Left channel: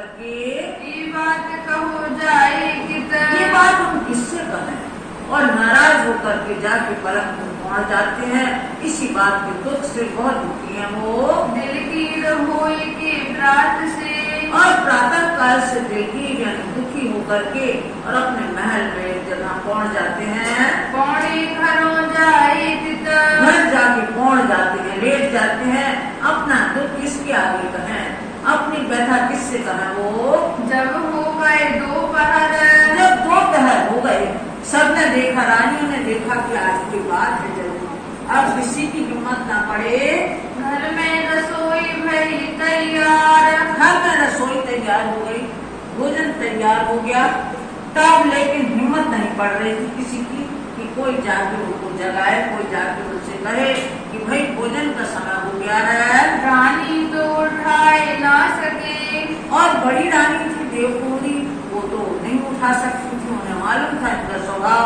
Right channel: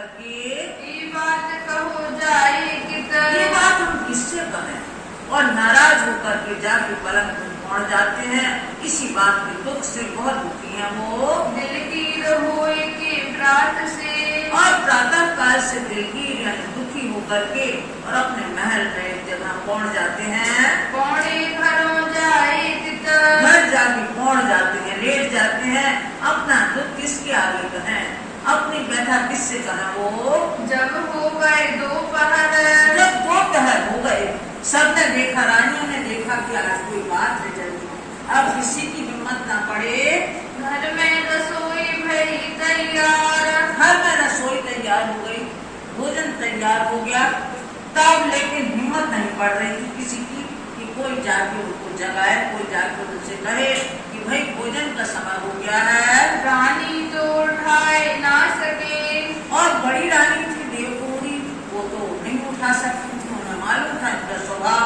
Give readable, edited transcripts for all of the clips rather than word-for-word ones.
करके ये बात कहो जाए ये बात हम किससे कहें, और नाराज होकर के जाके पलंग पर पहुंच जाते हैं। इसी बात के दुख से बहुत दुखी है वो। दिल की रहोए के प्रात से और प्रातः काल से दिल की यानी दुखी होकर के और अपने महल में एक जगह पहुंच जाते हैं। पौड़े घरों जाए घर जाके पहुंच जाते हैं, लेट जाते हैं। अपना दुख किसके आगे कहें, अपनी व्यथा किससे कहें वो। जब हो गए दोपहर, जब दोपहर हो गए, सबने देखा, रानियों ने देखा कि आज कोई बात है जरूर, अब किसी की हिम्मत ना पड़े। घर में रसोई भई तैयार, घर में रसोई तैयार हो गई, भोजन तैयार हो गया, तब लेकिन हिम्मत नहीं पड़ रही थी किसी की कि कोई जाके उनको जगाए, कोई जाके उनसे कहे कि भाई भोजन का समय हो गया है। रानी तो उठाए ना सके, और बड़ी रानी थी देवकुमारी, वो तो नहीं उठा सकती थी, उन्हें मालूम था इनका स्वभाव,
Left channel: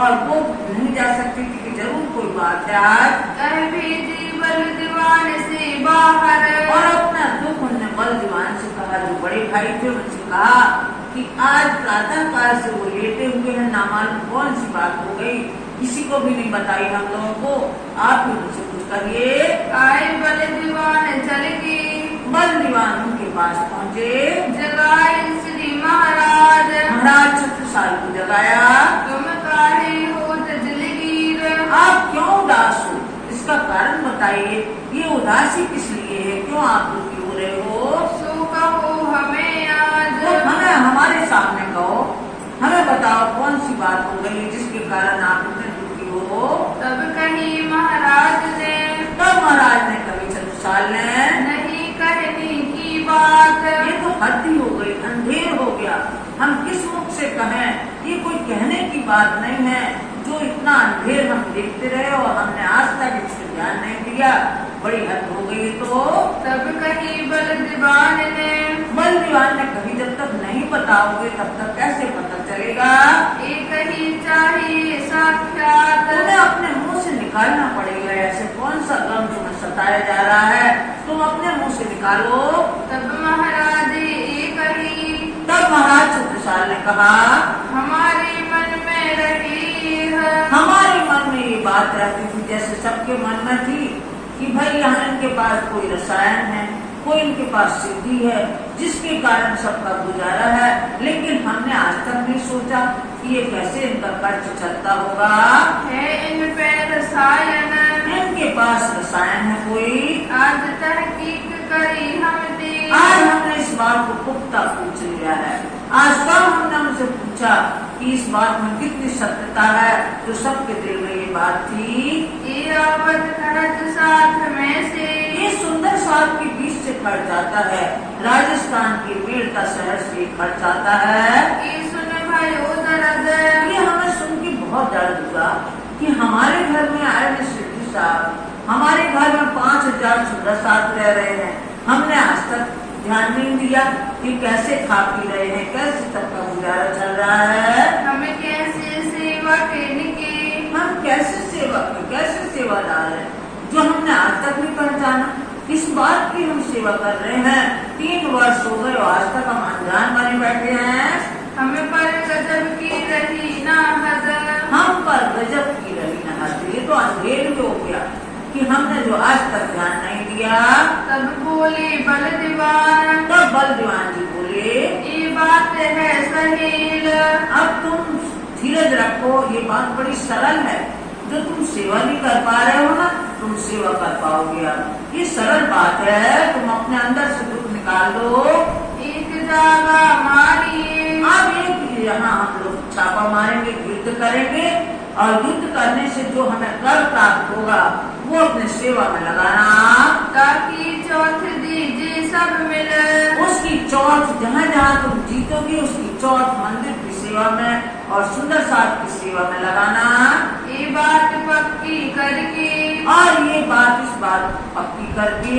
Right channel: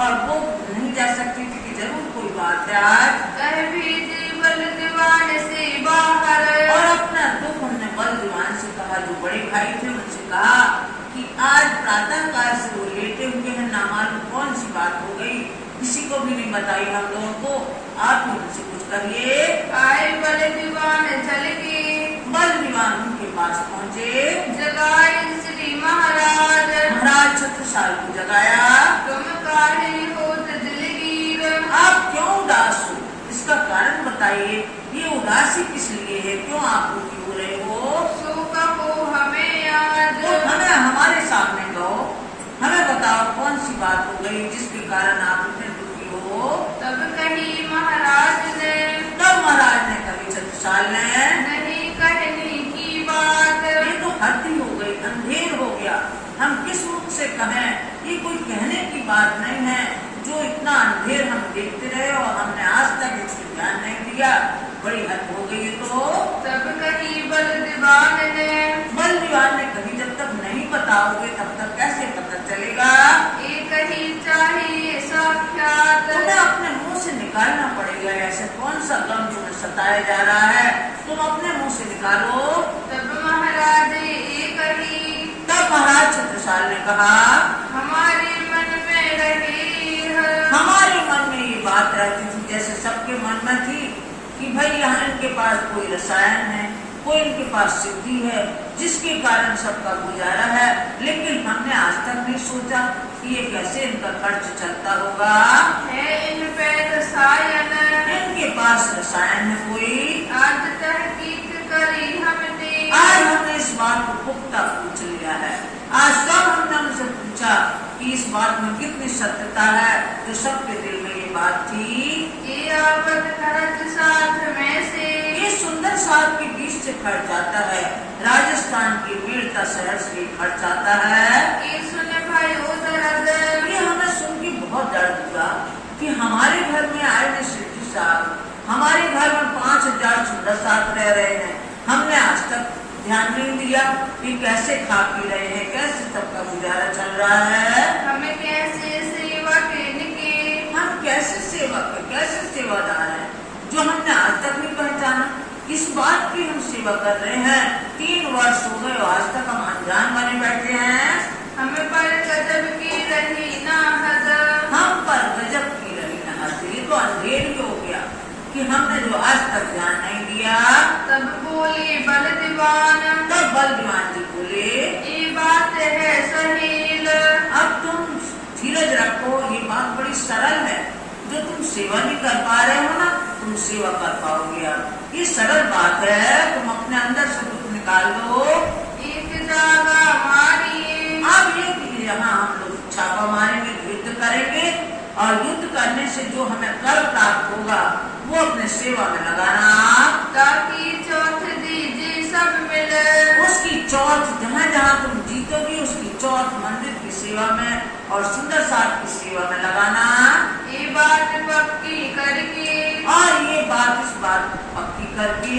और वो नहीं जा सकती थी कि जरूर कोई बात है आज। कह भेजे बल दीवान से बाहर, और अपना दुख उन्होंने बल दीवान से कहा, जो बड़े भाई थे उनसे कहा कि आज प्रातः काल से वो लेटे हुए हैं, ना मालूम कौन सी बात हो गई, किसी को भी नहीं बताई हम लोगों को, आप ही उनसे कुछ करिए। आए बल दीवान चल के, बल दीवान उनके पास पहुँचे, जगाए श्री महाराज, महाराज छत्रसाल को जगाया। तुम काहे होत दिलगीर, आप क्यों उदास हो, इसका कारण बताइए, ये उदासी किस लिए है, क्यों आप दुखी हो रहे हो। सो कहो हमें आज, तो हमें हमारे सामने कहो, हमें बताओ कौन सी बात हो गई जिसके कारण आप इतने दुखी हो। तब कही महाराज ने, तब महाराज ने कही छत्रसाल ने, नहीं कहने की बात, ये तो हद ही हो गई, अंधेर हो गया, हम किस मुख से कहें, ये कोई कहने की बात नहीं है, जो इतना अंधेर हम देखते रहे और हमने आज तक इसको ध्यान नहीं दिया, बड़ी हद हो गई है। तो तब कही बल दीवान ने, बल दीवान ने कही, जब तक नहीं बताओगे तब तक कैसे पता चलेगा। एक ही चाहिए साक्षात, तुम्हें अपने मुंह से निकालना पड़ेगा, ऐसे कौन सा गम तुम्हें सताया जा रहा है, तुम अपने मुंह से निकालो। तब महाराज एक ही, तब महाराज छत्रसाल ने कहा, हमारे मन में रही है, हमारे मन में ये बात रहती थी जैसे सबके मन में थी कि भाई यहाँ इनके पास कोई रसायन है, कोई इनके पास सिद्धि है जिसके कारण सबका गुजारा है, लेकिन हमने आज तक नहीं सोचा कि ये कैसे इनका खर्च चलता होगा। है इन पे रसायन, इनके पास रसायन है कोई। आज तहकीक करी हमने, आज हमने इस बात को पुख्ता पूछ लिया है, आज कल हमने उनसे पूछा कि इस बात में कितनी सत्यता है, जो सबके दिल में ये बात थी। ये अवध खर्च साथ में से, ये सुंदर साल के बीच से खर्च जाता है, राजस्थान के मेड़ता शहर से खर्च आता है। ये सुन भयो दर्द, ये हमें सुन के बहुत दर्द हुआ कि हमारे घर में आए हैं सिद्धि साहब, हमारे घर में 5000 सुंदर साथ रह रहे हैं, हमने आज तक ध्यान नहीं दिया कि कैसे खा पी रहे हैं, कैसे सबका गुजारा चल रहा है। हमें कैसे सेवा के, हम कैसे सेवक है, कैसे सेवादार है, जो हमने आज तक नहीं पहचाना। किस बात की हम सेवा कर रहे हैं, 3 वर्ष हो गए और आज तक हम अनजान बने बैठे हैं। हमें पर गजब की रही ना हद, हम पर गजब की रही ना हद, ये तो अंधेर ही हो गया कि हमने जो आज तक ध्यान नहीं दिया। तब बोले बल दीवान, तब बल दीवान जी बोले, ये बात है सहेल, अब तुम धीरज रखो, ये बात बड़ी सरल है, जो तुम सेवा नहीं कर पा रहे हो ना, तुम सेवा कर पाओगे। अब ये सरल बात है, तुम अपने अंदर से दुख निकाल दो। एक जागा मारिए, अब एक यहाँ हम लोग छापा मारेंगे, युद्ध करेंगे, और युद्ध करने से जो हमें कर प्राप्त होगा वो अपने सेवा में लगाना, ताकि चौथ दीजिए सब मिले, उसकी चौथ जहाँ जहाँ तुम जीतोगे उसकी चौथ मंदिर की सेवा में और सुंदर साथ की सेवा में लगाना। ये बात पक्की करके, और ये बात इस बात पक्की करके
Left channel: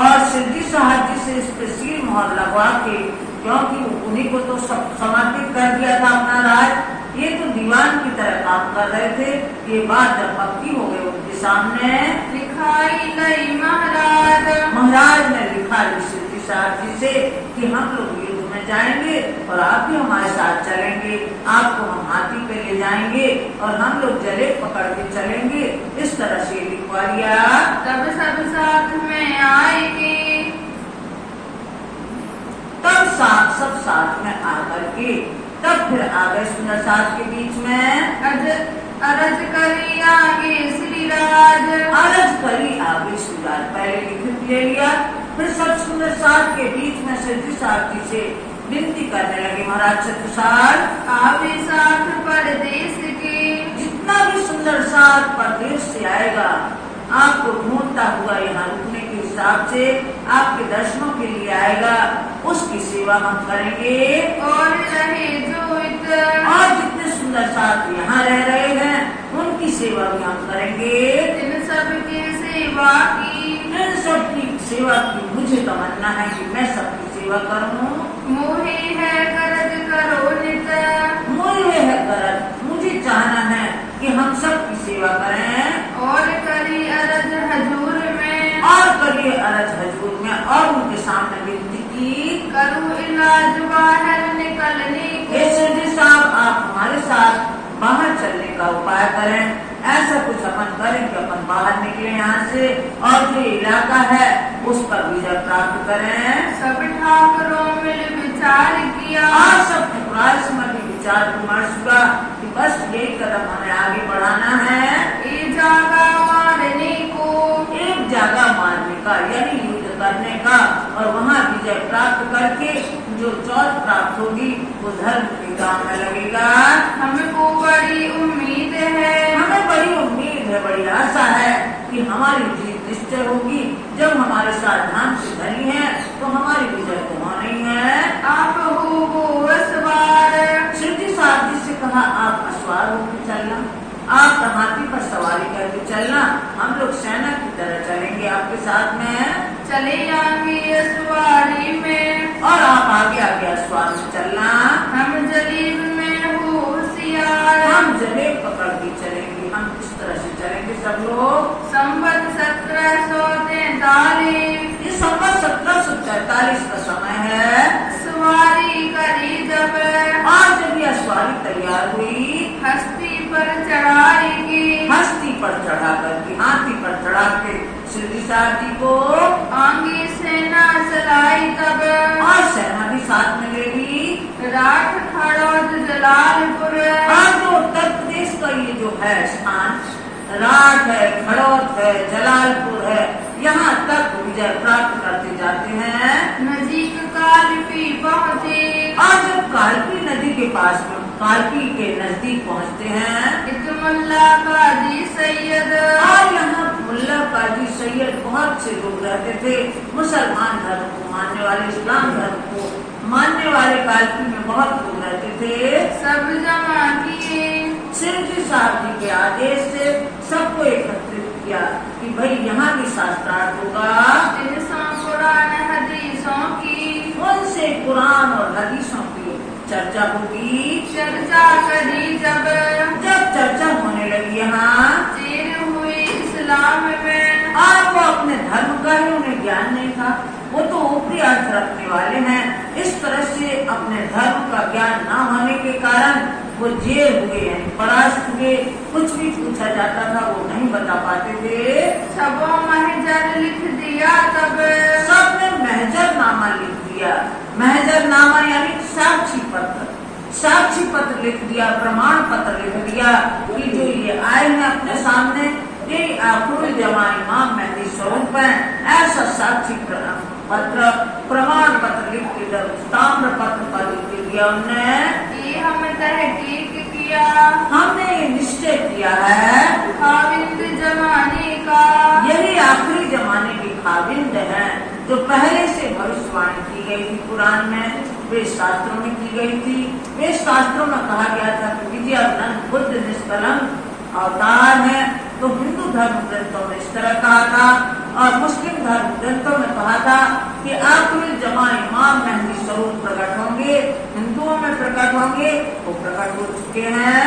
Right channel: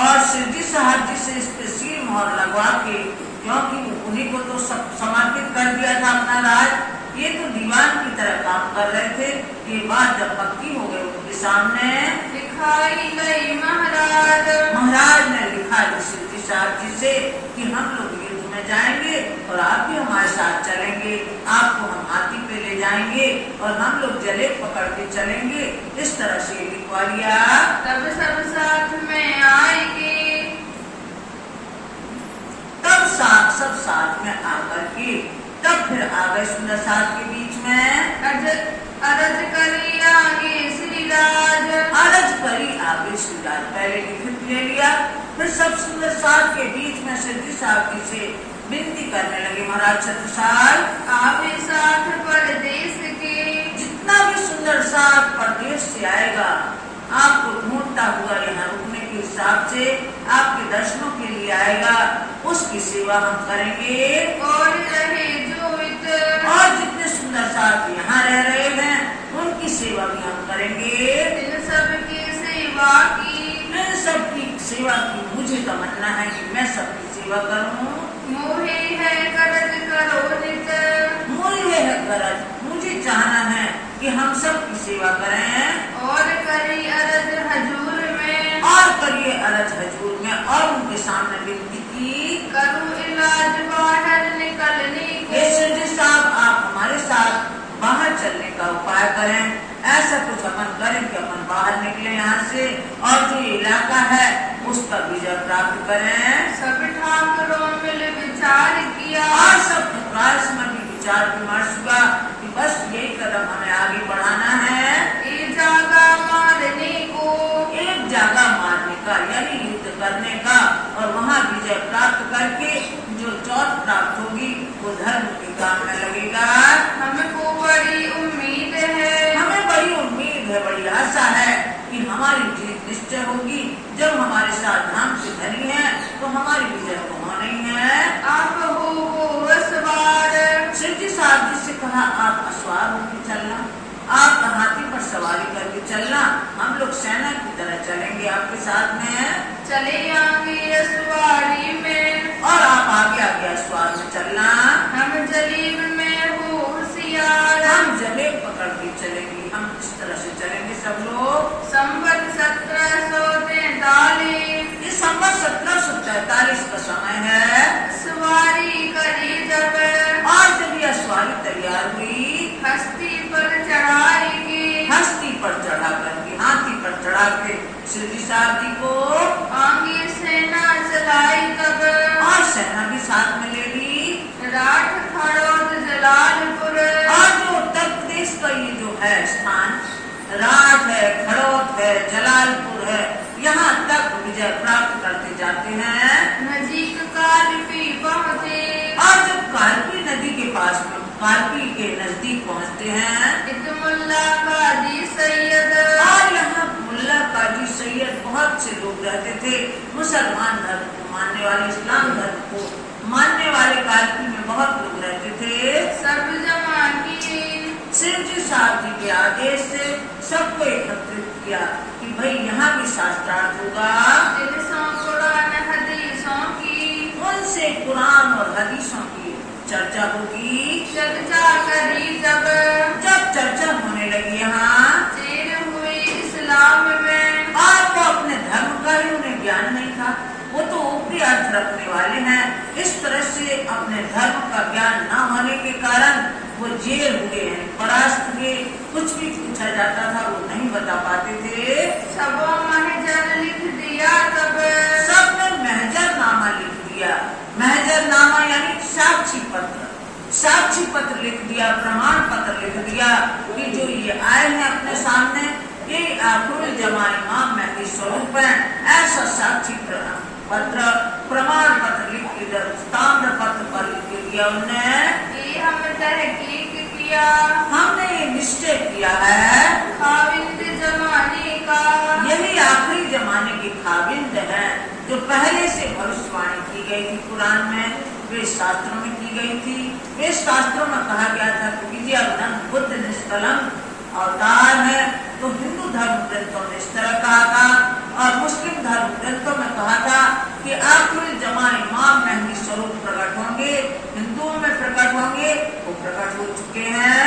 और सिद्धि साहब जी से इस पे सील मोहर लगवा के, क्योंकि उन्हीं को तो सब समर्पित कर दिया था अपना राज, ये तो दीवान की तरह काम कर रहे थे। ये बात जब पक्की हो गई उनके सामने, लिखाई गई महाराज, महाराज ने लिखा सिद्धि साहब जी से कि हम लोग युद्ध में जाएंगे और आप भी हमारे साथ चलेंगे, आपको हम हाथी पे ले जाएंगे और हम लोग जले पकड़ के चलेंगे। इस तरह से लिखवा लिया। तब सब साथ में आएंगे, तब सब साथ में आकर के तब फिर आ गए सुंदर साथ के बीच में। अरज करी आगे श्री राज, अरज करी आगे श्री राज, पहले लिखित ले लिया। फिर सब सुंदर साथ के बीच में सिद्धि साहब जी से विनती करने लगे, महाराज छत्रसाल आवे साथ परदेश के, जितना भी सुंदर साथ परदेश से आएगा आपको ढूंढता हुआ यहाँ रुकने के हिसाब से आपके दर्शनों के लिए आएगा, उसकी सेवा हम करेंगे। और रहे जो इतर, और जितने सुंदर साथ यहाँ रह रहे हैं उनकी सेवा भी हम करेंगे। इन सबकी सेवा की, इन सबकी सेवा की मुझे तमन्ना है कि मैं सबकी सेवा करूँ। मोहे है करज करो नित, मोहे है गरज, मुझे चाहना है कि हम सबकी सेवा करें। और करी अरज हजूर में, और करिए अरज हजूर में, और उनके सामने विनती की, करूँ इलाज बाहर निकलने हे को, सिद्धि साहब आप हमारे साथ बाहर चलने का उपाय करें। ऐसा कुछ अपन करें कि अपन बाहर निकले यहाँ से और जो इलाका है उसका विजय प्राप्त करें। सब ठाकुरों मिल विचार किया, और सब ठकुराल समझ विचार विमर्श हुआ कि बस यही कदम हमें आगे बढ़ाना है। एक जागा मारने को, एक जगह मारने का यानी युद्ध करने का और वहाँ विजय प्राप्त करके जो चौथ प्राप्त होगी वो धर्म के काम में लगेगा। हमको बड़ी उम्मीद है, हमें बड़ी उम्मीद है, बड़ी आशा है कि हमारी जीत निश्चय होगी। जब हमारे साथ धाम से धनी है तो हमारी विजय तो होना ही है। आप हो वो सवार, सिद्धि साहब जी से कहा आप असवार होकर चलना, आप हाथी पर सवारी करके चलना, हम लोग सेना की तरह चलेंगे आपके साथ में। चले आएंगे सवारी में, और आप आगे आगे असवार में चलना। हम जलीब में हो होशियार, हम जलेब पकड़ के चलेंगे, हम इस तरह से चलेंगे सब लोग। संवत 1743, ये संवत 1743 का समय है। सवारी करी जब, और जब यह सवारी तैयार हुई, हस्ती पर चढ़ाएगी, हस्ती पर चढ़ा करके हाथी पर चढ़ा के सिद्धि साहब जी को आगे सेना चलाई तब, और सेना भी साथ में ले ली। राठ खड़ौद जलालपुर, और जो उत्तर प्रदेश का ये जो है स्थान, राठ है, खड़ौद है, जलालपुर है, यहाँ तक विजय प्राप्त करते जाते हैं। नजीक कालपी पहुँचे, और जब कालपी नदी के पास कालपी के नजदीक पहुँचते हैं, इत मुल्ला काजी सैयद, और यहाँ मुल्ला काजी सैयद बहुत से लोग रहते थे, मुसलमान धर्म को मानने वाले, इस्लाम धर्म को मानने वाले कालपी में बहुत लोग रहते थे। सब जमा किए, सिद्धि साहब जी के आदेश से सबको एकत्रित किया कि भाई यहाँ भी शास्त्रार्थ होगा। जिनसों कुरान हदीसों की, उनसे कुरान और हदीसों की चर्चा होगी। चर्चा करी जब, जब चर्चा होने लगी यहाँ, चेर हुई इस्लाम में, और वो अपने धर्म का ही उन्हें ज्ञान नहीं था, वो तो ऊपरी अर्थ रखने वाले हैं। इस तरह से अपने धर्म का ज्ञान न होने के कारण वो जेल हुए यानी परास्त हुए। कुछ भी पूछा जाता था वो नहीं बता पाते थे। सबो महजर लिख दिया तब, सबने महजरनामा लिख दिया। महजरनामा यानी साक्षी पत्र, साक्षी पत्र लिख दिया, प्रमाण पत्र लिख दिया कि जो ये आए हैं अपने सामने ये आखिर जमा इमाम मेहदी स्वरूप है। ऐसा साक्षी पत्र प्रमाण पत्र लिख के ताम्र पत्र पर लिख दिया उन्होंने। ये हम तहकीक किया, हमने ये निश्चय किया है खाविंद जमाने का, यही आखिरी जमाने के खाविंद हैं जो पहले से भविष्यवाणी की गई थी कुरान में, वे शास्त्रों में की गई थी। वे शास्त्रों में कहा गया था कि विजयानंद बुद्ध निष्कलंक अवतार है, तो हिंदू धर्म ग्रंथों में इस तरह कहा था और मुस्लिम धर्म ग्रंथों में कहा था कि आखिरी जमा इमाम मेहदी स्वरूप प्रकट होंगे, हिंदुओं में प्रकट होंगे, वो प्रकट हो चुके हैं।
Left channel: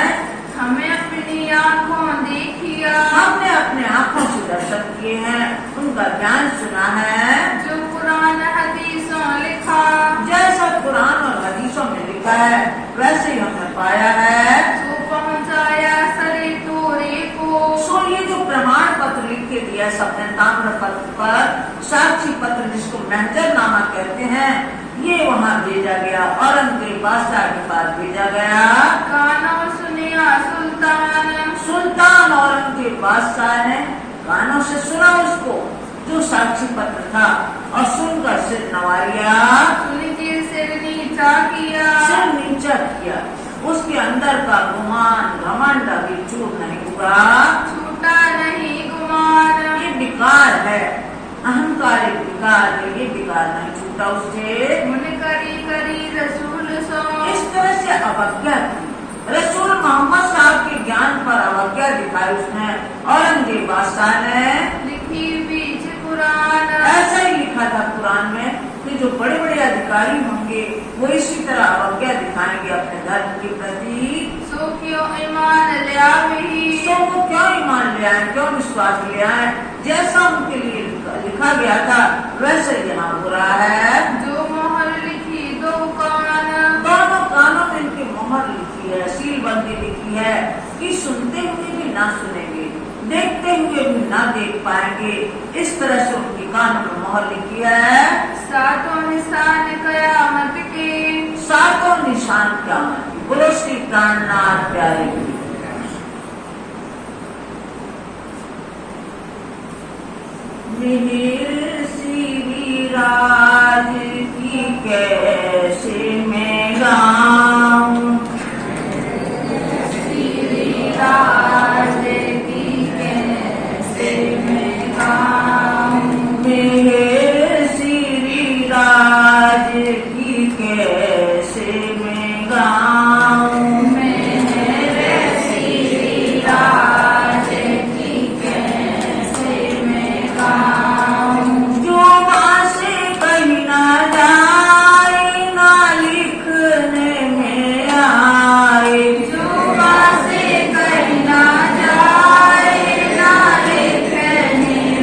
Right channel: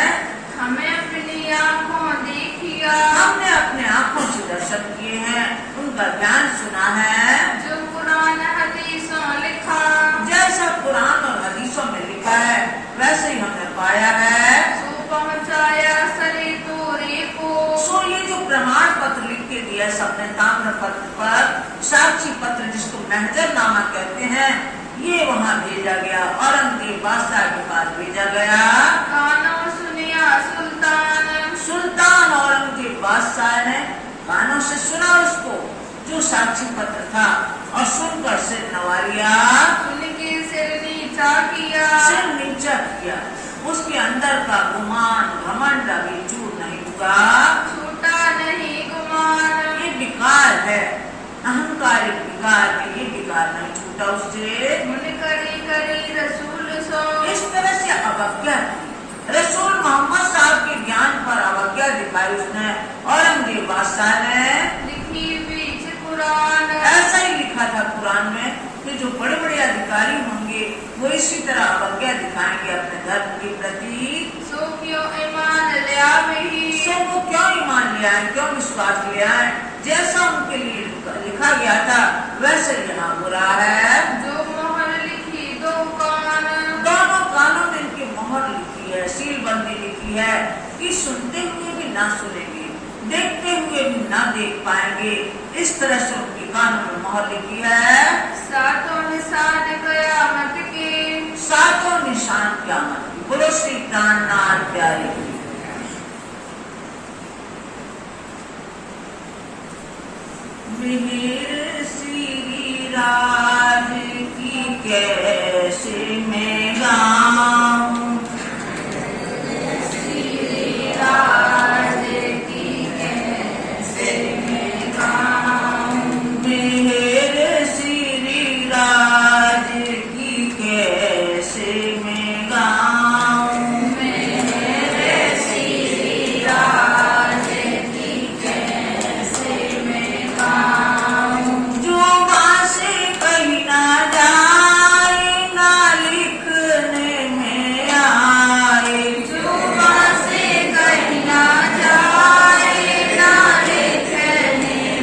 हमें अपनी आँखों देखिया, हमने अपने आँखों से दर्शन किए हैं, उनका ज्ञान सुना है। जो कुरान कुरान हदीसों लिखा। जैसा कुरान और हदीसों में लिखा है वैसे ही हमने पाया है। सो पहुँचाया सरे तोरे को। सो ये जो प्रमाण पत्र लिख के दिया सबने ताम्र पत्र पर, साक्षी पत्र जिसको महजरनामा कहते हैं, ये वहाँ भेजा गया, औरंगजेब बादशाह के पास भेजा गया। कानों सुनिया सुल्तान। सुल्तान औरंगजेब बादशाह ने कानों से सुना उसको जो साक्षी पत्र था और सुनकर सिर नवारिया, सुन के सिर नीचा किया। सिर नीचा किया। उसके अंदर का गुमान घमंड अभी चूर नहीं हुआ, छूटा नहीं गुमान। ये विकार है, अहंकार एक विकार है, ये विकार नहीं छूटा उससे। मुन करी करी रसूल सो। इस तरह से अवज्ञा की, रसूल मोहम्मद साहब के ज्ञान पर अवज्ञा दिखाई उसने। औरंगजेब बादशाह ने लिखी बीच कुरान। ऐसा ही लिखा था कुरान में कि जो बड़े बड़े अधिकारी होंगे वो इसी तरह अवज्ञा दिखाएंगे अपने धर्म के प्रति। सो क्यों ईमान लिया वही। सो वो क्यों ईमान ले आए, क्यों विश्वास ले आए, जैसा उनके लिए लिखा गया था वैसे यहाँ हो रहा है। जो मोहर लिखी दो कान। दोनों कानों में इनकी मोहर लिखी है, सीलबंदी लिखी है कि सुनते हुए भी ना सुनेंगे, देखते हुए भी ना देख पाएंगे। इस तरह से उनके कानों में मोहर लिखी है। सातों निशान कयामत के। सातों निशान क़यामत की। बोलो श्री प्राणनाथ प्यारे की। मिहिर श्री राज की कैसे मैं गाऊं, श्री राज की कैसे मैं गाऊं। मिहिर श्री राज की कैसे मैं गाऊं, मेरे श्री राज की कैसे मैं गाऊं। जो बासे कहीं ना जाए ना लिखने में आए, जुबा से कहीं ना जाए ना लिखने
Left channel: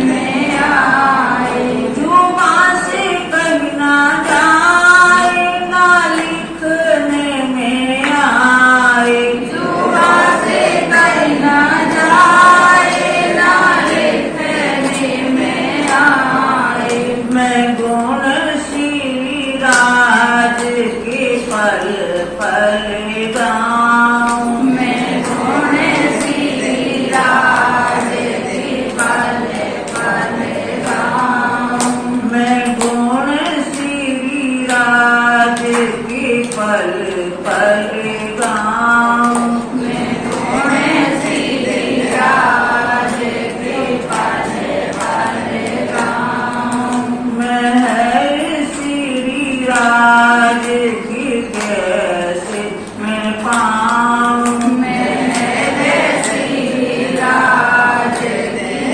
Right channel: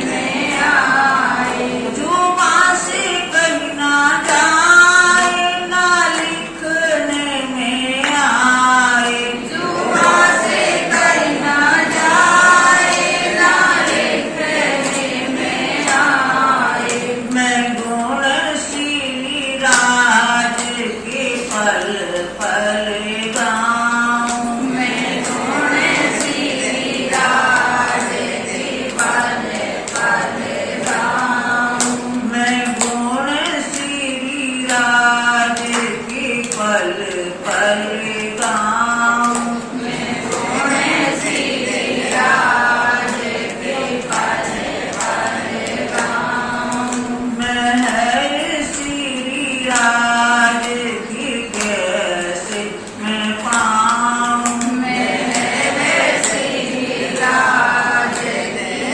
में आए। जो बासे कहीं ना जाए ना लिखने में आए। जुबा से कहीं ना जाए ना लिखने में आए। मैं गुण श्री राज के पल पल गाऊं, मैं गुण श्री राज के पल पल गाऊं। मैं गुण श्री राज के पल पल गाऊं। मैं गुण श्री राज के पल पल गाऊं। मैं हर श्री राज की कैसे मैं पाऊं, मैं श्री राज के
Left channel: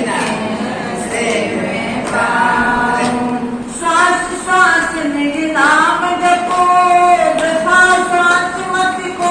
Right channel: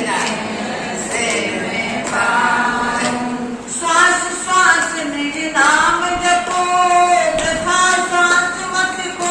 कैसे मैं पाऊं। श्वास श्वास निज नाम जपो, वृथा श्वास मत को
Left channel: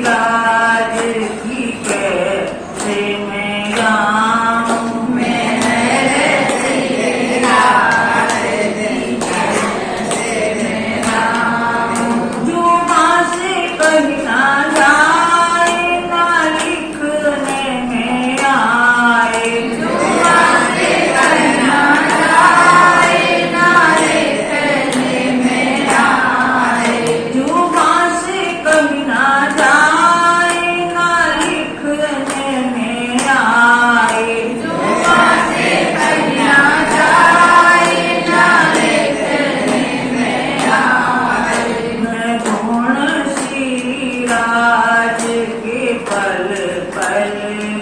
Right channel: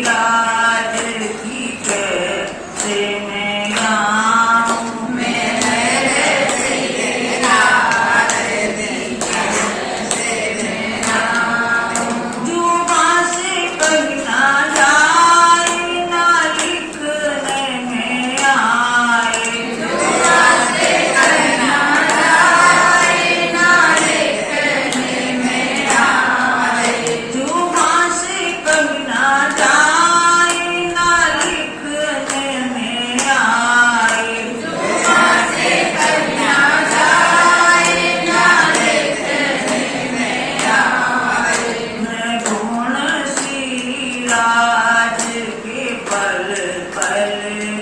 राज की कैसे मैं गाऊं, मेरे श्री राज की कैसे मैं गाऊं। जुबां से कही ना जाए, ना लिखने में आए, जुबां से कहना जाए, ना लिखने में आए। जुबां से कही ना जाए, ना लिखने में आए। जुबां से कहना जाए, ना लिखने में आए। मैं गुण श्री राज के पल पल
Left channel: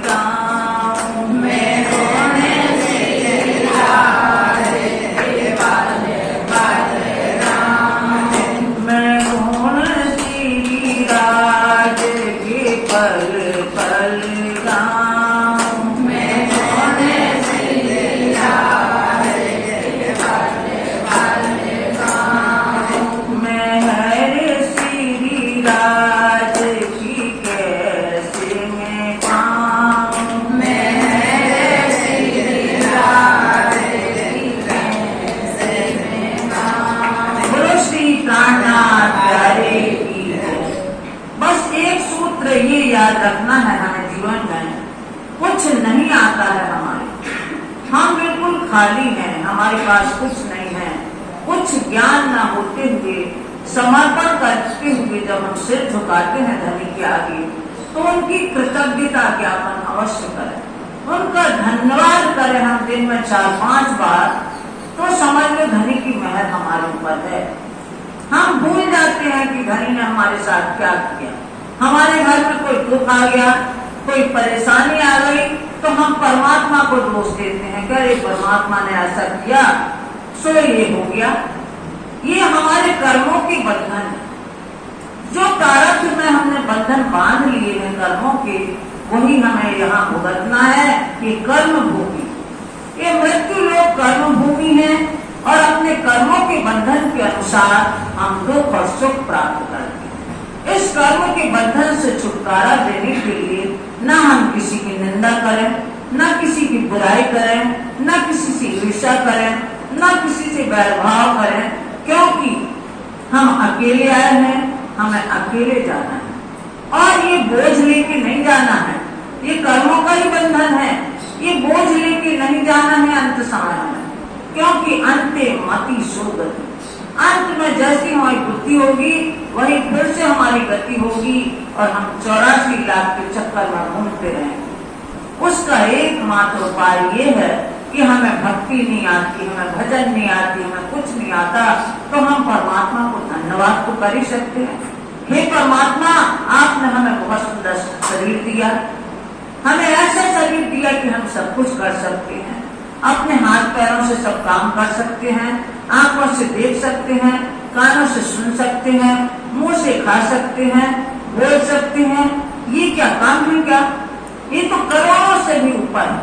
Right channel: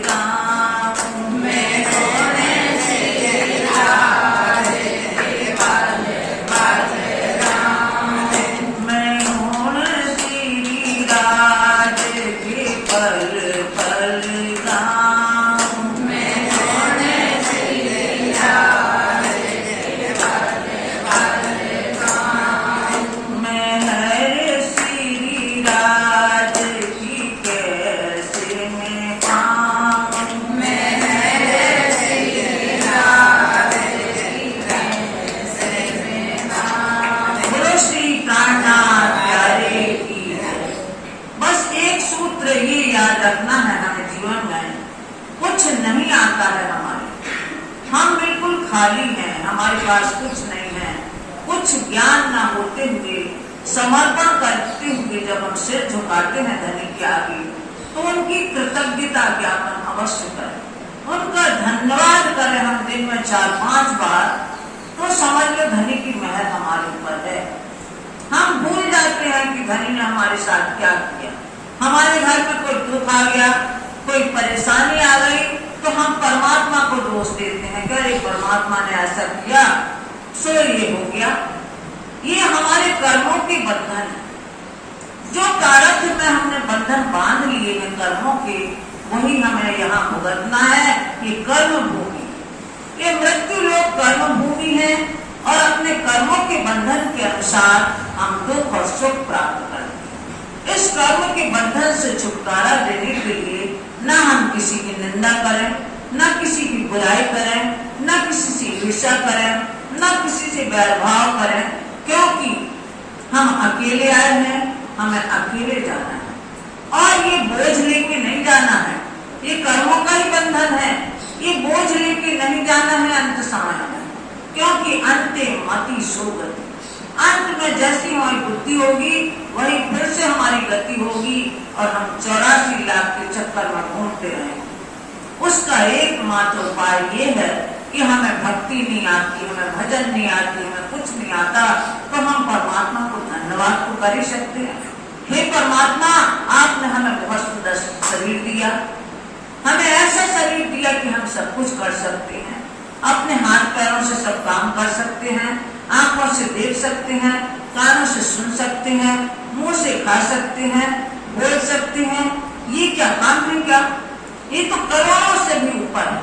गाऊं, मैं गुण श्री राज के पल पल गाऊं। मैं गुण श्री राज के पल पल गाऊं। मैं गुण श्री राज के पल पल गाऊं। मैं हर श्री राज की कैसे मैं पाऊं, मैं श्री राज की कैसे मैं गाऊं। बोलो श्री प्राणनाथ प्यारे की जय। बस एक सूत्र ये याद रखना है हमें जीवन में, कुछ नहीं आता है हमारे, हम बिल्कुल खाली हैं, हमारे पास कुछ नहीं है। कुछ ज्ञान न होते हुए, समर्पण करते हुए जब हम सिर झुकाते हैं धनी के आगे, तो उनकी कृतज्ञता ज्ञापन अवश्य करें, उनका धन्यवाद करें हम दिन में 4-5 बार, तो समझ लो धनी की मेहर हमारे ऊपर है। हम भूल जाते हैं कि धनी ने हमारे साथ क्या किया। हमारे घर में कोई दुख आ गया, कोई परेशानी आ गई, तो हम परमात्मा को दोष देते हैं कि अरे परमात्मा ने ऐसा किया सो ये हो गया। ये हमारे कर्मों के बंधन है। जो प्रारब्ध में हमने बंधन बांध लिए हैं कर्मों के, वही हमें यहाँ भुगतना है। ये कर्म भूमि, ये मृत्यु लोक कर्म भूमि है, और अपने कर्मों के बंधन के अनुसार हम दुख और सुख प्राप्त करते हैं। इस कर्म के बंधन से छुटकारा देने के लिए न हम किसी की निंदा करें, न किसी की बुराई करें, न किसी से ईर्ष्या करें, न किसी से वैरभाव करें, क्योंकि हम अकेले आए हैं, हमें अकेले जाना है। और ये बोझ लेके नहीं जाना है, ये कर्मों का ही बंधन है। ये बोझ लेके नहीं जाना है अंत समय में, क्योंकि अंते मति सो गति। अंत में जैसी हमारी बुद्धि होगी वही फिर से हमारी गति होगी, और हम 84 लाख के चक्कर में घूमते रहेंगे। उसका एकमात्र उपाय ये है कि हमें भक्ति नहीं आती, हमें भजन नहीं आती, हमें कुछ नहीं आता, तो हम परमात्मा को धन्यवाद तो कर ही सकते हैं। हे परमात्मा, आपने हमें बहुत सुंदर शरीर दिया, हमें ऐसा शरीर दिया कि हम सब कुछ कर सकते हैं, अपने हाथ पैरों से सब काम कर सकते हैं, आंखों से देख सकते हैं, कानों से सुन सकते हैं, मुंह से खा सकते हैं, बोल सकते हैं। ये क्या काम है क्या? ये तो करोड़ों से भी ऊपर है।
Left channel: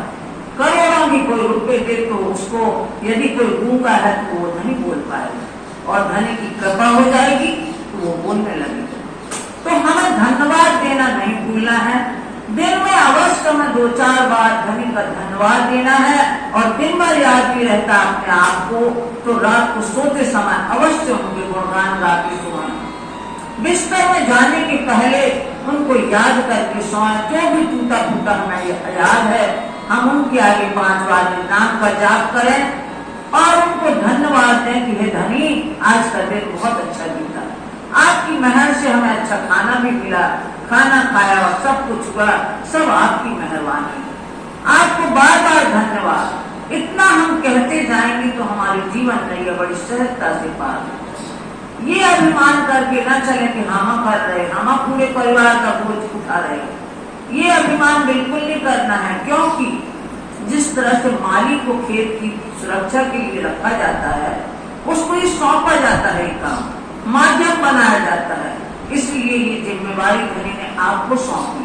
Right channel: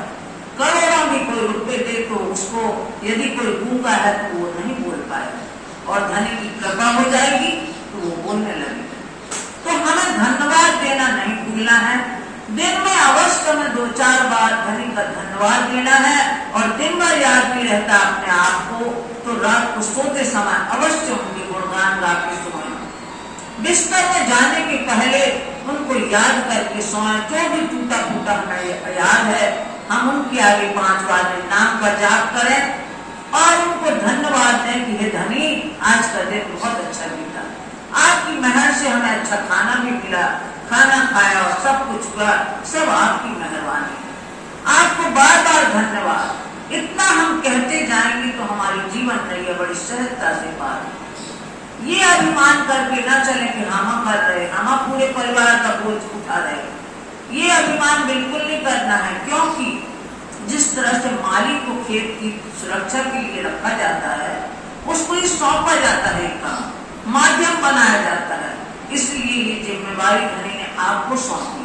करोड़ों में कोई रुपए दे तो उसको यदि कोई गूंगा है तो वो नहीं बोल पाएगा, और धनी की कृपा हो जाएगी तो वो बोलने लगेगा। तो हमें धन्यवाद देना नहीं भूलना है। दिन में अवश्य में 2-4 बार धनी का धन्यवाद देना है, और दिन भर याद नहीं रहता अपने आप को, तो रात को सोते समय अवश्य उनके गुणगान गा के सोना। बिस्तर में जाने के पहले उनको याद करके सोएं। जो भी टूटा फूटा हमें याद है, हम उनके आगे 5 बार नाम का जाप करें, और उनको धन्यवाद दें कि हे धनी, आज का दिन बहुत अच्छा बीता, आपकी मेहर से हमें अच्छा खाना भी मिला, खाना खाया और सब कुछ हुआ, सब आपकी मेहरबानी है। आपको बार बार धन्यवाद। इतना हम कहते जाएंगे तो हमारी जीवन नैया बड़ी सहजता से पार है। ये अभिमान करके न चले कि हम कर रहे, हम पूरे परिवार का बोझ उठा रहे। ये अभिमान बिल्कुल नहीं करना है, क्योंकि जिस तरह से माली को खेत की सुरक्षा के लिए रखा जाता है, उसको ही सौंपा जाता है, काम माध्यम बनाया जाता है। इसलिए ये जिम्मेवारी धनी ने आपको सौंपी।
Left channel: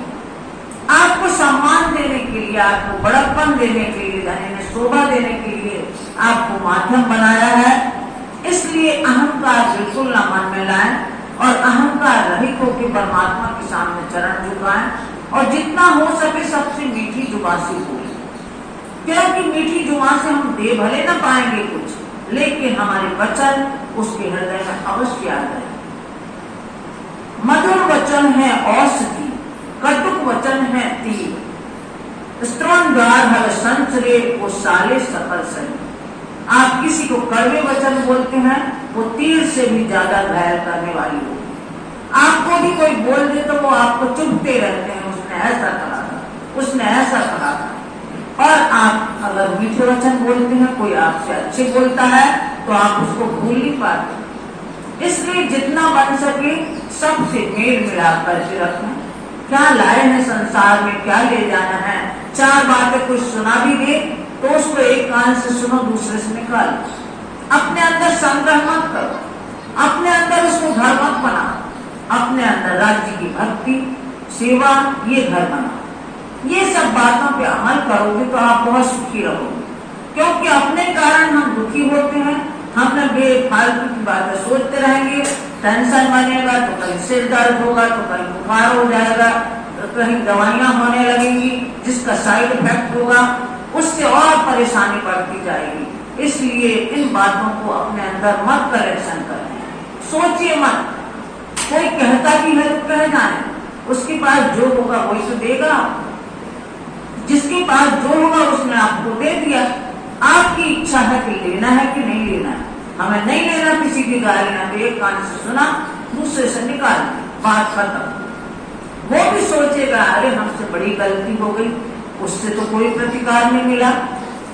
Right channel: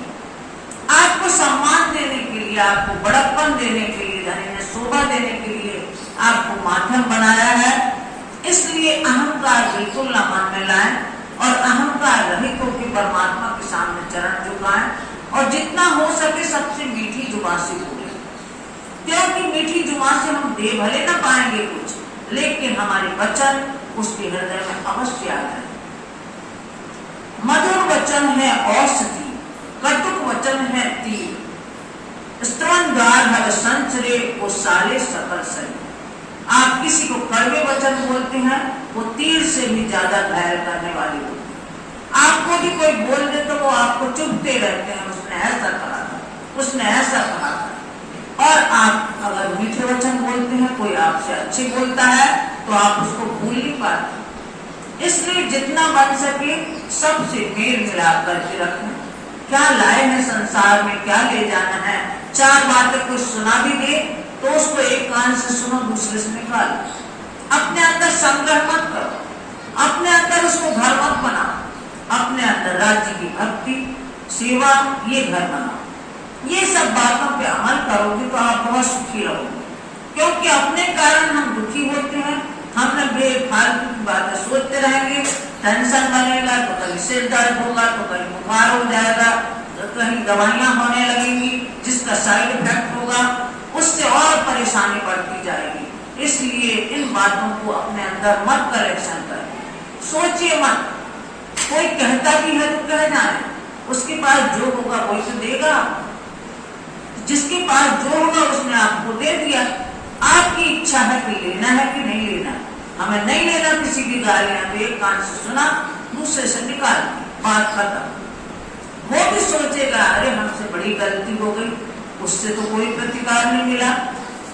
आपको सम्मान देने के लिए, आपको बड़प्पन देने के लिए, धनी ने शोभा देने के लिए आपको माध्यम बनाया है। इसलिए अहंकार बिल्कुल न मन में लाएं, और अहंकार रहित होकर परमात्मा के सामने चरण झुकाएं और जितना हो सके सबसे मीठी जुबान से बोले। क्योंकि मीठी जुबान से हम दे भले ना पाएंगे कुछ, लेकिन हमारे वचन उसके हृदय में अवश्य आ जाए। मधुर वचन है औषधि, कटुक वचन है तीर। स्तवन द्वार हर संचरे वो साले सकल सही। आप किसी को कड़वे वचन बोलते हैं, वो तीर से भी ज्यादा घायल करने वाली होती है। आपको भी कोई बोल दे तो वो आपको चुभते रहते हैं, उसने ऐसा कहा था, उसने ऐसा कहा था। और आप अगर मीठे वचन बोलते हैं, कोई आपसे अच्छे बोलता है तो आप उसको भूल नहीं पाते। इसलिए जितना बन सके सबसे मेल मिलाप करके रखें। क्या लाए हैं संसार में, क्या ले जाना है। चार बातें कुछ सुना भी दे तो उसको एक कान से सुनो, दूसरे से निकालो। अपने अंदर संग्रह मत करो, अपने अंदर उसको घर मत बनाओ। अपने अंदर राज्य की भक्ति, सेवा, ये घर बनाओ। ये सब बातों पे अमल करोगे तो आप बहुत सुखी रहोगे। क्योंकि अपने कारण हम दुखी होते हैं, हम बेफालतू की बातें सोचते रहेंगे, टेंशन बनेगा तो कहीं सिर दर्द होगा, तो कहीं बुखार हो जाएगा, तो कहीं दवाइयां होने लगेंगी जिसका साइड इफेक्ट होगा, उससे और परेशानी बढ़ती जाएगी। इसलिए इन बातों को अपने अंदर मत कलेक्शन करें, सोचिए मत। कोई कहता भी है तो कह जाए, उसके पास जो होगा वही तो देगा। जिसके पास जो होगा उसने आपको दे दिया। आपकी इच्छा है कि लेना है कि नहीं लेना है। हमें नहीं लेना किसी की गालियां, तो एक कान से सुना, दूसरे से निकाल, बात खत्म। वो भी सोचेगा अरे हमसे बड़ी गलती हो गई, उससे तो कोई प्रतिकार नहीं मिला।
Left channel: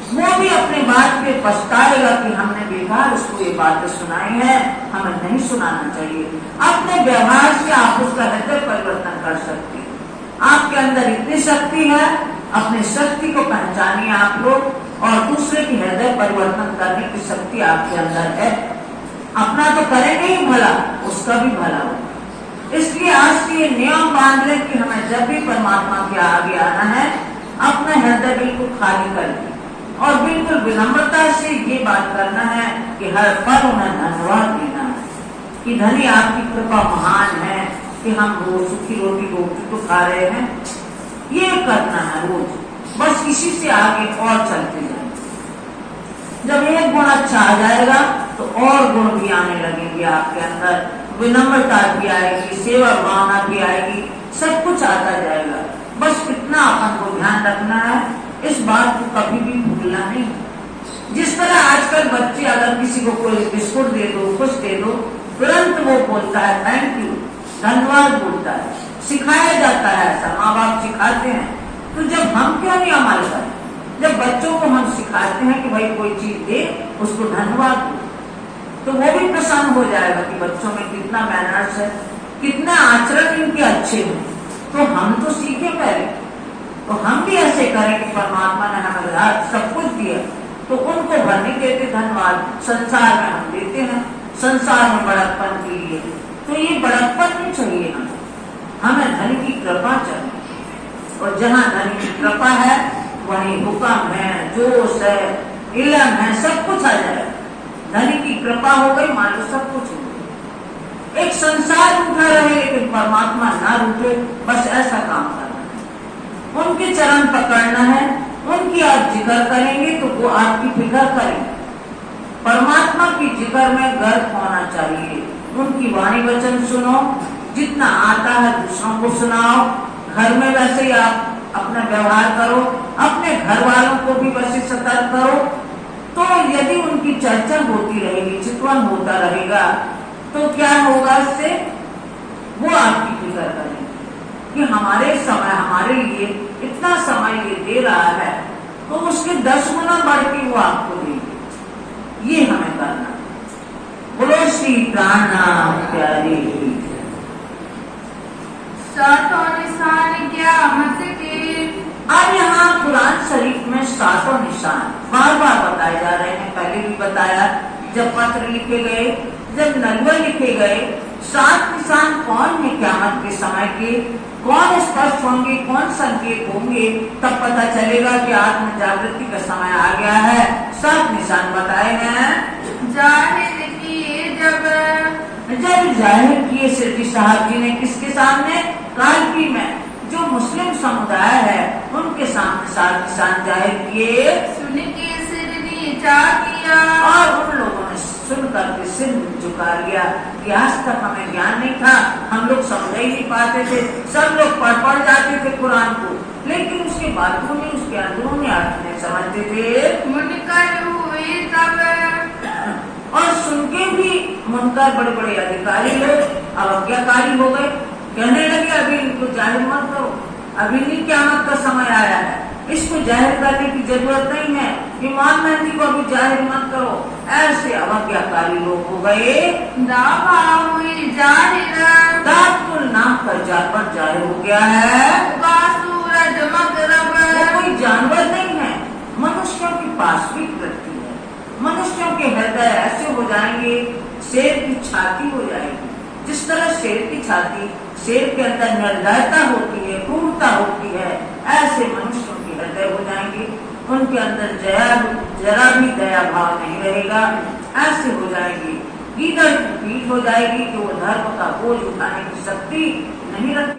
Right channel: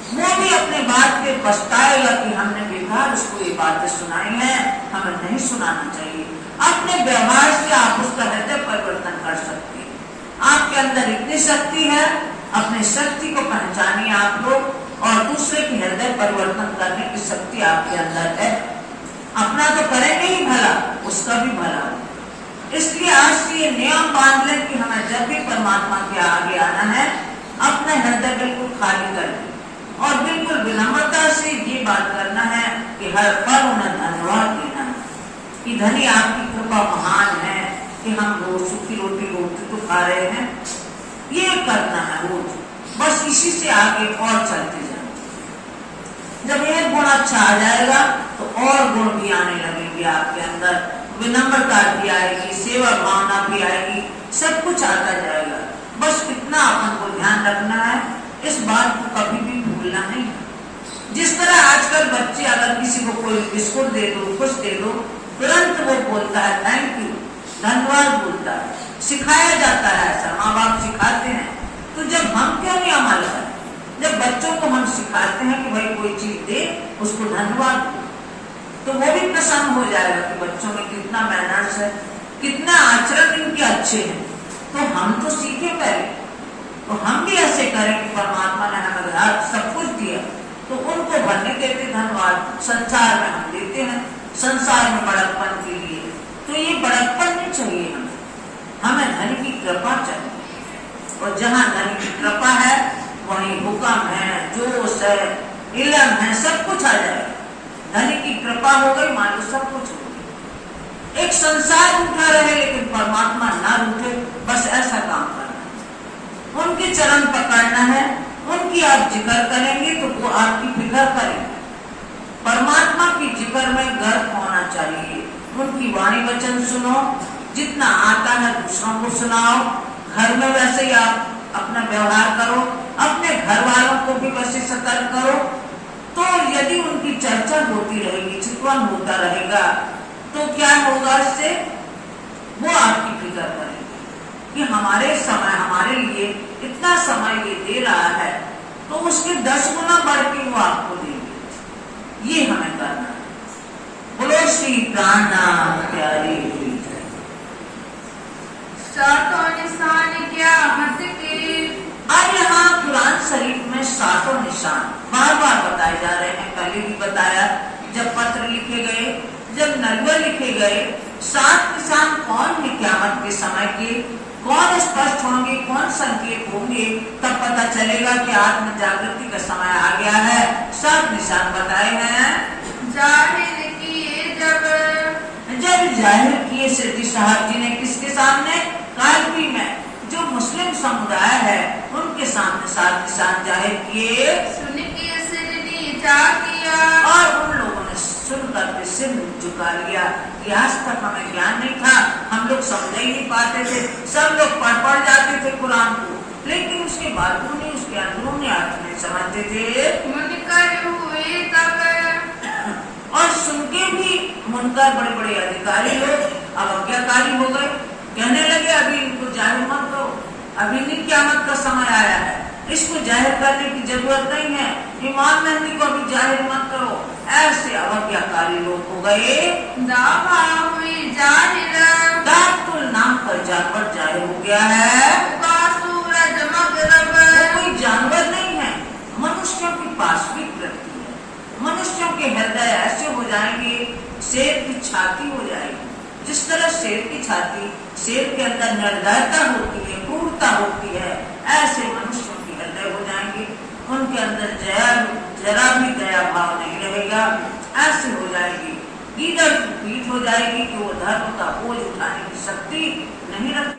वो भी अपने बात पे पछताएगा कि हमने बेकार उसको ये बातें सुनाई है, हमें नहीं सुनाना चाहिए। अपने व्यवहार से आप उसका हृदय परिवर्तन कर सकते हैं। आपके अंदर इतनी शक्ति है, अपनी शक्ति को पहचानिए आप लोग, और दूसरे की हृदय परिवर्तन करने की शक्ति आपके अंदर है। अपना तो करेंगे ही भला, उसका भी भला हो। इसलिए आज से ये नियम बांध लें कि हमें जब भी परमात्मा के आगे आना है, अपना हृदय बिल्कुल खाली कर दें और बिल्कुल विनम्रता से ये बात करना है कि हर पल उन्हें धन्यवाद देना है कि धनी आपकी कृपा महान है कि हम रोज सूखी रोटी तो खा रहे हैं। ये करना है रोज, बस इसी से आगे और चलते जाए। जब एक गुण अच्छा आ जाएगा तो और गुण भी आने लगेंगे आपके अंदर। विनम्रता भी आएगी, सेवा भावना भी आएगी, सब कुछ आता जाएगा। बस इतना अपन को ध्यान रखना है, इस बात को कभी भी भूलना नहीं। जिस तरह आजकल बच्चे अगर किसी को कोई बिस्कुट दे दो, कुछ दे दो, तुरंत वो बोलता है थैंक यू, धन्यवाद बोलता है। सिखाया जाता है ऐसा, माँ बाप सिखाते हैं। तो जब हम क्यों नहीं अमल करें? जब बच्चों को हम सिखाते हैं कि भाई कोई चीज दे, उसको धन्यवाद दो, तो वो भी प्रसन्न हो जाएगा कि बच्चों में कितना मैनर्स है, कितना आचरण इनके अच्छे हैं। तो हम तो सीखे पहले, तो हम भी ऐसे करें कि परमात्मा ने हमें सब कुछ दिया, तो उनको भरने देते धन्यवाद। संसार में हम देते हैं, संसार में बड़प्पन के लिए, तो ये बड़प्पन नहीं चाहिए हमें धनी की कृपा चाहिए। और जहाँ धनी की कृपा है वहीं हुक्म है, जोश है, इल्म है, सब कुछ आ जाएगा। धनी की कृपा हो गई, मान लो सब कुछ हो गया। एक संसार रूठा रहे लेकिन परमात्मा ना रूठे, बस ऐसा काम करना है। उनके चरण पकड़ना है, उनकी आप जिक्र करेंगे तो वो आपकी फिक्र करेंगे। परमात्मा की जिक्र में गर्व होना चाहिए। उनकी वाणी वचन सुनो, जितना आता है दूसरों को सुनाओ। घर में वैसे ही आप अपना व्यवहार करो, अपने घर वालों को भी वैसे सतर्क करो। तो यदि उनकी चर्चा होती रहेगी, चितवन होता रहेगा, तो क्या होगा इससे? वो आपकी फिक्र करेंगे कि हमारे समय, हमारे लिए इतना समय ये दे रहा है, तो उसके 10 गुना बढ़ के वो आपको देंगे। ये हमें करना है। बोलो श्री प्राणनाथ प्यारे। सातों निशान क्या मत के। अब यहाँ कुरान शरीफ में 7 निशान बार बार बताए जा रहे हैं। पहले भी बताया, जब पत्र लिखे गए, जब नलवे लिखे गए, 7 निशान कौन है क़यामत के समय के, कौन स्पष्ट होंगे, कौन संकेत होंगे, तब पता चलेगा कि आत्म जागृति का समय आ गया है। 7 निशान बताए हैं। जाहिल किए जब जब जाहिर किए सिद्दी साहब जी ने किसके सामने, कालपी में जो मुस्लिम समुदाय है उनके सामने साथ निशान जाहिर किए, सुन के सिर नीचा किया, और उन लोगों ने सुन करके सिर झुका लिया कि आज तक हमें ज्ञान नहीं था, हम लोग समझ ही नहीं पाते थे, सब लोग पढ़ जाते थे कुरान को, लेकिन उसके बातूनी उसके अंदरूनी अर्थ नहीं समझते थे। मुनकर हुए तब, और सुन के भी मुनकर बड़े बड़े अधिकारी लोग अवज्ञाकारी हो गए, कहने लगे अभी इनको जाहिर मत करो, अभी नहीं क़यामत का समय आया है, इसको जाहिर करने की जरूरत नहीं है, इमाम मेहदी को अभी जाहिर मत करो। ऐसे अवज्ञाकारी लोग हो गए। दावा हुई जाहिर, दातुल नाम का जानवर जाहिर हो गया है, उगा सूरज मगरब, वो कोई जानवर नहीं है, मनुष्यों की पास भी प्रकृति है। मनुष्यों के हृदय ऐसे हो जाएंगे, शेर की छाती हो जाएगी, जिस तरह शेर की छाती, शेर के अंदर निर्दयता होती है, क्रूरता होती है, ऐसे मनुष्यों के हृदय हो जाएंगे, उनके अंदर जरा भी दया भाव नहीं रहेगा, ऐसे हो जाएगी, गीदड़ की पीठ हो जाएगी कि वो धर्म का बोझ उठाने की शक्ति नहीं रखती।